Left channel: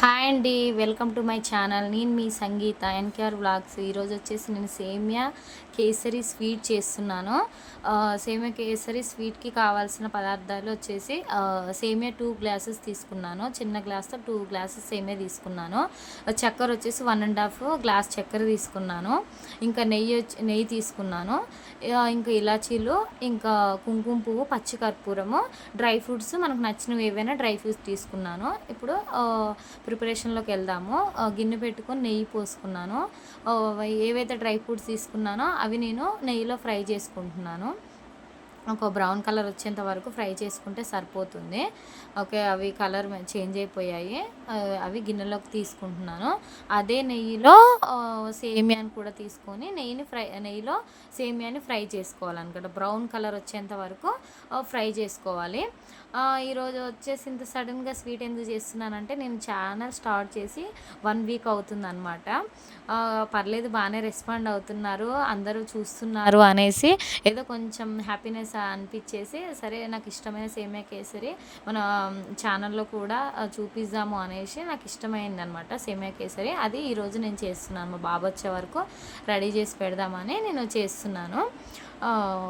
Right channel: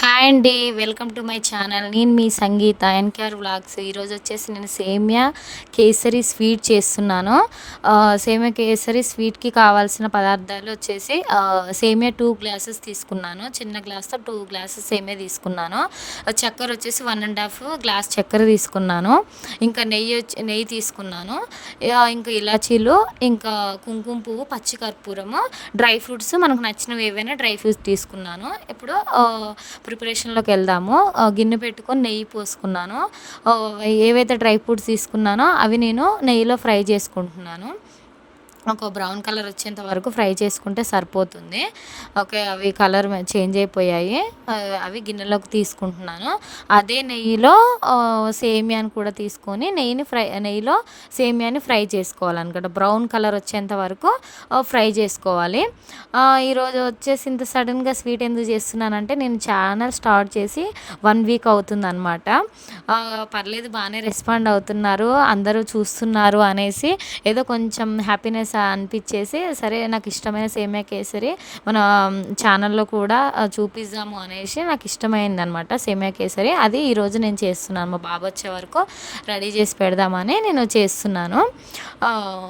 Hi అండి welcome to my channel. నేను మీ సంగీత NKR vlogs. ఈరోజు వచ్చేసి నేను సేమియా కేసరి స్వీట్ చేస్తున్నాను. సేమియా కేసరి స్వీట్కి కావాల్సిన పదార్థాలు వచ్చేసి సేమియా టూ గ్లాసెస్ తీసుకున్నాను. చిన్న గ్లాస్తో టూ గ్లాసెస్ సేమియా తీసుకున్నాను. చక్కెర వచ్చేసి వన్ అండ్ హాఫ్ గ్లాస్ చక్కెర తీసుకున్నాను. ఇంకా నెయ్యి వచ్చి నెయ్యి తీసుకున్నాను. ఇంకా ఇలాచీలు ఇంకా కుంకుమ పువ్వు పచ్చి కర్పూరము డ్రై ఫ్రూట్స్ మనకు నచ్చినవి ఏవైనా డ్రై ఫ్రూట్స్ తీసుకున్నాను. ఇప్పుడు ప్రిపరేషన్లోకి వెళ్దాము. గిన్నె పెట్టుకొని నెయ్యి పోసుకున్నాను. ఏవైతే డ్రై ఫ్రూట్స్ తీసుకున్నానో అవి నేను నెయ్యిలో ఫ్రై చేసుకుంటున్నాను. ఒక బ్రౌన్ కలర్ వచ్చేంత వరకు ఫ్రై చేసుకుంటే సరిపోతుంది. ఓకే అవి కలర్ చేంజ్ అయిపోయాయి. అవి గిన్నెలోకి తీసుకుంటున్నాను. అదే నెయ్యిలో సేమియాని కూడా తీసుకొని నెయ్యిని ఫ్రై నెయ్యిలో సేమియాని ఫ్రై చేసుకోవాలన్నమాట. బ్రౌన్ కలర్ వచ్చేంత వరకు ఫ్రై చేసుకోవాలి. ఈరోజు వచ్చేసి ఇంత సడన్గా స్వీట్ ఎందుకు చేస్తున్నానంటే నేను ఛానల్ స్టార్ట్ చేసి వన్ వీక్ అవుతుందన్నమాట. పర్లేదు బాగానే రెస్పాండ్ అవుతున్నారు అందరూ చూస్తున్నారు అనేసి ఏదో కొంచెం హ్యాపీనెస్ అనిపించేసి సరే నాకు ఇష్టమైన సేమియా కేసరి మన ఛానల్లో కూడా చూపిద్దాము అనేసి నాకు ఇష్టమైంది అనమాట సేమియా కేసరి. అది ఈరోజు నేను చేస్తున్నాను. మా బాబు వచ్చే వరకు రెడీ చేసి పెడదామని నేను చేస్తున్నాను.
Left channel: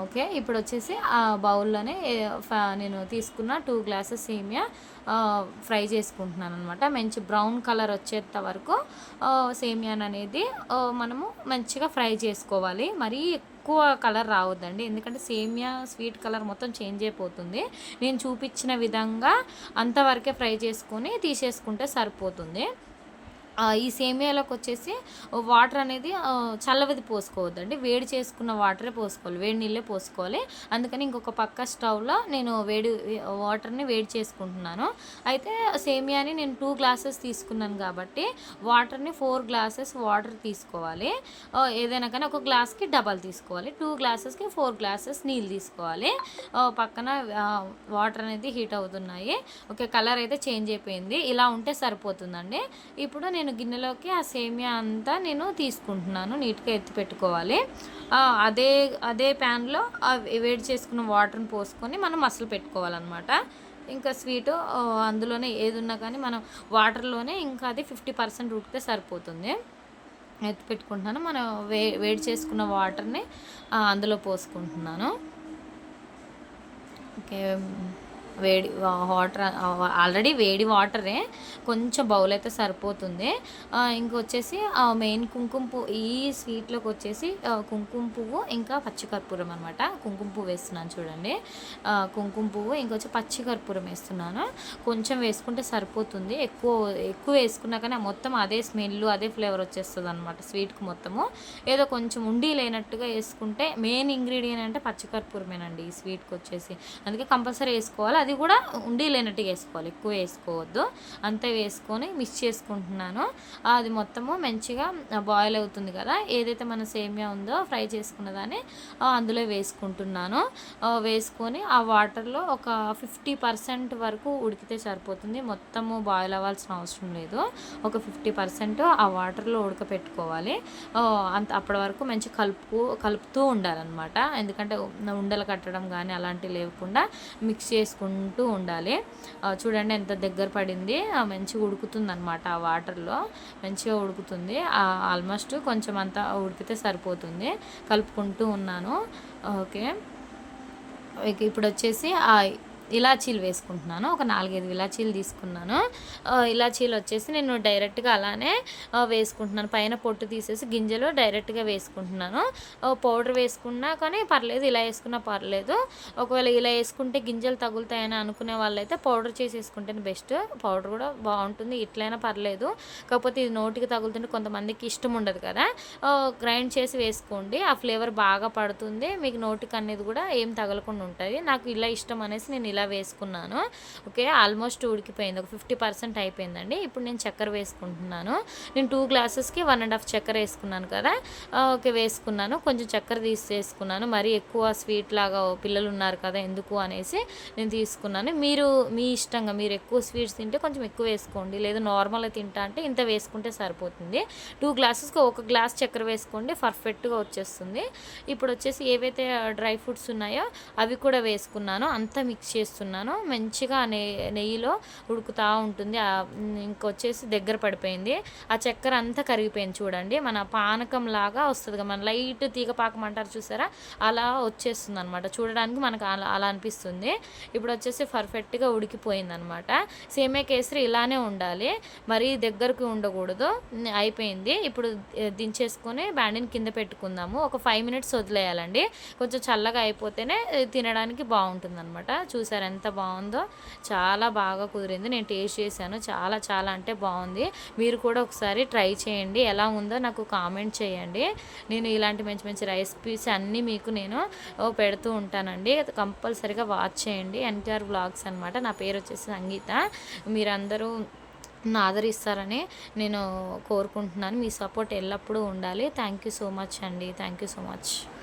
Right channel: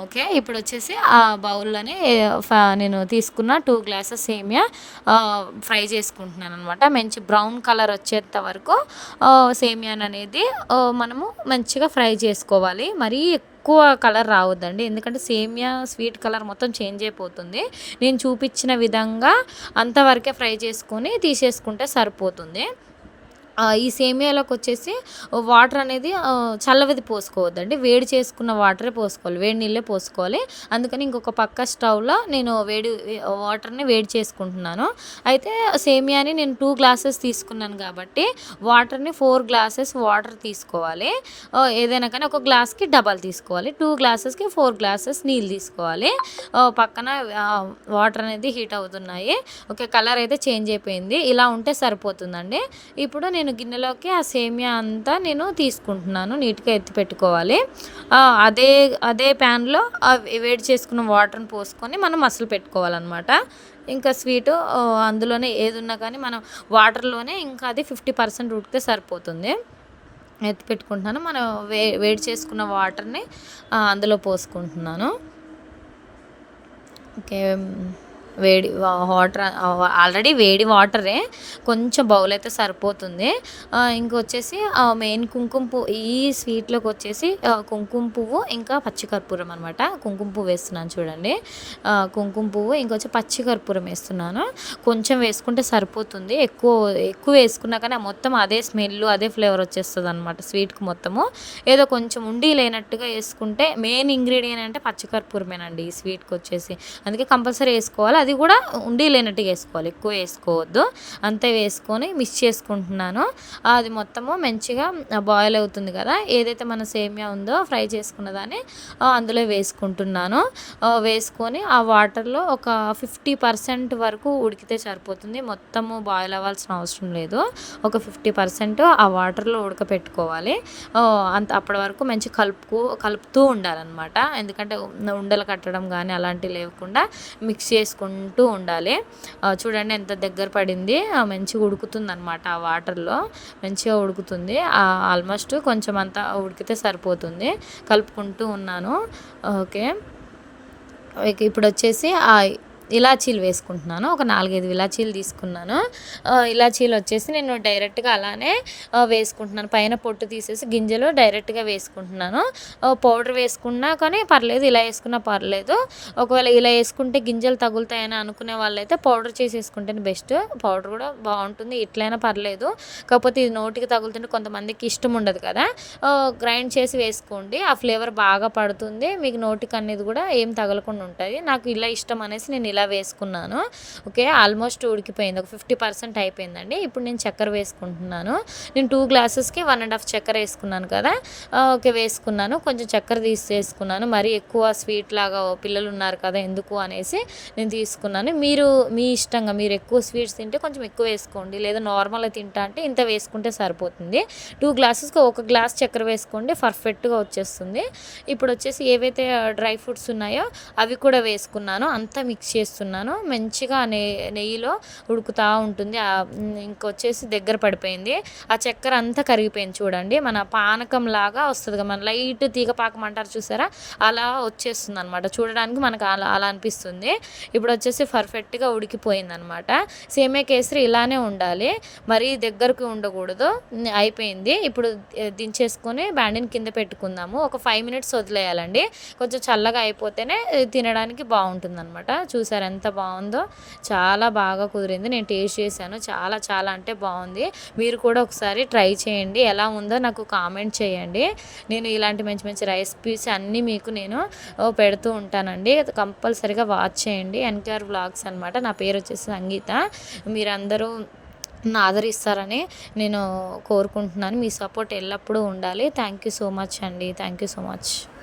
ఓకే. ఇప్పుడు వచ్చేసి ఆ బౌల్లోనే ఫ- నేను తీసుకున్న టూ గ్లాసెస్ సేమియా ఫ్రై చేసుకుంటున్నాను అనమాట మంచి బ్రౌన్ కలర్ వచ్చేంత వరకు సేమియాన్ అనేది మనము మంచిగా ఫ్రై చేసుకోవాలి. మరీ ఎక్కువ కలర్ రావద్దండి. ఎందుకంటే సేమియా స్వీట్ కలర్ మొత్తం చేంజ్ అయిపోతుంది. నేను చూపించిన విధంగా అంతవరకే ఫ్రై చేసుకొని తీసేసుకుంటే సరిపోతుంది. ఈ సేమియాలోకి వచ్చేసి వాటర్ అనేది చల్లవిది పోసుకోవద్దండి. వేడి చేసుకున్న వాటరే పోసుకోవాలి. వేడి నీళ్ళే పోసుకోవాలి. అందుకని ఇంకొక పక్క స్టవ్లో నేను వేడి వాటర్ని వేడి చేసుకుంటున్నాను. అయితే సేమియాని నేను టూ గ్లాసెస్ తీసుకున్నాను కాబట్టి వాటర్ని ఫోర్ గ్లాసెస్ వాటర్ తీసుకోవాలి. ఏదైనా కానీ ఒక గ్లాస్కి డబల్ తీసుకోవాలి. టూ గ్లాసెస్కి ఫోర్ గ్లాసెస్ నీళ్ళు తీసుకోవాలి. పక్కన వాటర్ అనేది హీట్ అవుతున్నాయి. ఓకే కలర్ అయితే చేంజ్ అయిపోయింది. ఇలా ఉంటే సరిపోతుందండి. ఇప్పుడు నేను గిన్నెలోకి ఆ సేమియా అంతా నేను తీసుకుంటున్నాను నీట్గా ఎత్తి పెట్టుకోవాలి. అదే అదే ప్యాన్లో వేడి చేసుకున్న వాటర్ని పోసుకొని మనం మసలు పెట్టుకోవాలన్నమాట. ఇంకా స్వీటు అందులోనే ఏది ఉన్నా కానీ మనం వాటర్లోనే ఇంకా అది ఫిఫ్టీ పర్సెంట్ ఉడికితే సరిపోతుంది. ఎత్తి పెట్టుకుంటున్నాను మనం వే వేడి చేసుకున్న వాటర్ని అందులో పోసుకుంటున్నాను. ఓకే వేడి వాటర్ ఆల్రెడీ వేడి వాటరే. కొంచెం బౌల్ అయితే సరిపోతుంది. ఇంకొచ్చేసి మెయిన్ కుంకుమ పువ్వు ఈ స్వీట్లోకి వచ్చేసి కుంకుమ పువ్వు ఇంకా పచ్చికర్పూరం అనమాట కుంకుమ పువ్వు వేస్తున్నాను చూడండి. కుంకుమ పువ్వు ఇంకొచ్చి పచ్చికర్పూరం వేస్తున్నాను. కొంచెం వేసుకుంటే సరిపోతుంది. ఎక్కువ ఎక్కువ వేసుకున్నా కానీ మొత్తం అదే స్మెల్ అదే ఫ్లేవర్ వచ్చేస్తుంది అనమాట స్వీట్కి మొత్తము. ఏదో కొంచెం ఉండి లేనట్టుగా వేసుకుంటే మెయిన్ ఇంగ్రీడియంట్ అంటే పచ్చికర్పూరమేనండి ఈ స్వీట్కి వచ్చేసి. అందుకే కంపల్సరీ వేసుకోవాలి. అది కూడా ఉండి లేనట్టుగా వేసుకోవాలి. ఎక్కువ వేసుకోవద్దు. అంతే వేసుకొని మిక్స్ చేసుకుంటున్నాను. అది మొత్తము మంచిగా బాయిల్ అవుతుంది కదా. ఏదైతే మన సేమియా ఉందో ఫ్రై చేసుకున్న దాన్ని అందులో వేసుకుంటున్నాను. వేసుకొని ఆ వాటర్లో ఒక ఫిఫ్టీ పర్సెంట్ వరకు ఉడికితే సరిపోతుంది. మొత్తము బాయిల్ అవ్వాల్సిన అవసరం లేదు. ఒక ఫిఫ్టీ పర్సెంట్ ఆ వాటర్లో ఉడకపెట్టుకోవాలి. అంత అప్పటి వరకు మంచి కలుపుకు కలుపుతూ ఉండాలన్నమాట. ఎందుకంటే ఉండలు కట్టడం కానీ అలాంటివి లేకుండా మిక్స్ చేసుకుంటూ ఉండాలి. చూడండి ఎంత దగ్గర పడింది. ఆ, మంచిగా ఉడుకుతుంది అనమాట ఆ వాటర్లో. మంచిగా ఉడుకుతుంది. ఆల్మోస్ట్ కొంచెం అంతా ఉడికితే సరిపోతుంది. కలుపుకుంటూ ఉన్నాను. ఓకే. ఇప్పుడు వచ్చేసి ఆ ఇలాచీలు వేసుకుంటున్నాను. ఒక నాలుగైదు ఇలాచీలు తీసుకున్నాను. ఇలాచీలు వచ్చేసి నేను డైరెక్ట్గా అలానే వేసుకుంటున్నాను. పైన పొట్టు తీసేసి గింజలు డైరెక్ట్గా వేసుకుంటున్నాను. పౌడర్ వేసుకున్నా కానీ పర్లేదు ఇలా వేసుకున్నా పర్లేదు. ఒకవేళ ఇలా వేసుకుంటే గింజలు తగులుతాయని అనుకునే వాళ్ళైతే పౌడర్ చేసి వేసుకుంటేనే బెస్ట్. పౌడర్ కూడా బాగుంటుంది ఇట్లయినా పర్లేదు. కాకపోతే ఇది నోటికి తగులుతుంటే కొంతమందికి ఇష్టం ఉండదు కదా. గ్రైండ్ చేసి వేసుకోండి. ఆ ఫ్లేవర్ బాగా పడుతుంది. మీకు నోటికి అనేది కూడా ఏం తగలకుండా ఉంటుంది నాకు ఇలా ఇష్టం అనేసి నేను ఇలా వేసుకున్నాను. ఓకే ఆల్మోస్ట్ ఉడికిపోయింది. ఒక ఫిఫ్టీ పర్సెంట్ అయిపోయిందండి. ఇప్పుడు నేను చక్కెర వేసుకుంటున్నాను. నేను టూ గ్లాసెస్కి వన్ అండ్ హాఫ్ చక్కెర వేసుకున్నాను కదా. ఓకే వేసుకున్నాను. కొంచెం చక్కెర తీసి వేసుకున్నాను మరీ ఎక్కువ స్వీట్ లాగా పిల్లలు ఉన్నారు కదా ఎందుకు అనేసి నేను తీసుకున్నాను. మీరు మీ ఇష్టంగా మీరు ఎక్కువ స్వీట్స్ తింటే కొంచెం ఎక్కువ వేసుకోండి. లేదా నార్మల్గా తింటా అంటే ఇంత వేసుకుంటే సరిపోతుంది. టూ గ్లాసెస్కి ఒక గ్లాస్ చక్కెర వేసుకోండి. పర్ఫెక్ట్గా వచ్చేస్తుంది. ఇప్పుడు వచ్చేసి ఏవైతే డ్రై ఫ్రూట్స్ ఉన్నాయో అవి కూడా వేసుకున్నాను. అంతా మిక్స్ చేసుకున్నాను చేస్తున్నాను మంచిగా నె నెయ్యిలో ఉడుకుతూ ఉంటుంది. ఇంకొచ్చేసి దగ్గర పడిపోయింది. ఆ చక్కెర అంతా కరిగిపోయింది చూడండి. మన పానకం లాగా వస్తుంది కదా మన లైట్ తీగ పాకం అంటారు చూసారా? అలా వచ్చేస్తుంది అనమాట చూడడానికి మనకు అలా అలా అనిపిస్తుంది. ఇప్పుడు వచ్చేసి పర్ఫెక్ట్గా ఉడికిపోయింది అనమాట సేమే కేసరి ఇలానే ఉండాలి. మరీ దగ్గరకు ఉండకూడదు. అయిపోయింది. ఇప్పుడు దించేసుకొని బ్యాండిని కింద పెట్టుకుందాము. ఒక ఫైవ్ మినిట్స్ వదిలేయాలండి. కొంచెం చల్లగా అయిపోతేనే తినడానికి బాగుంటుంది అనమాట చూసారా? ఎంత బాగుందో. చాలా బాగా కుదిరింది. నేను టేస్ట్ చేశాను. చాలా చాలా అంటే బాగుంది. మీరు కూడా ఒకసారి ట్రై చేయండి. ఎలా ఉందో నాకు కామెంట్ చేయండి. నేను ఇలాంటి మంచి మంచి రెసిపీస్ అన్నీ మీకు నేను పెడుతూ ఉంటానండి. కంపల్సరిగా వాచ్ చేయండి. ఎన్కేఆర్ బ్లాగ్స్ అనమాట నా పేరు వచ్చేసి సంగీత. మీరందరూ నన్ను ఆదరిస్తారని నేను కోరుకుంటున్నాను. మీ సపోర్ట్ ఎల్లప్పుడూ ఉండాలి. థ్యాంక్ యూ సో మచ్ అండి. Thank you so much.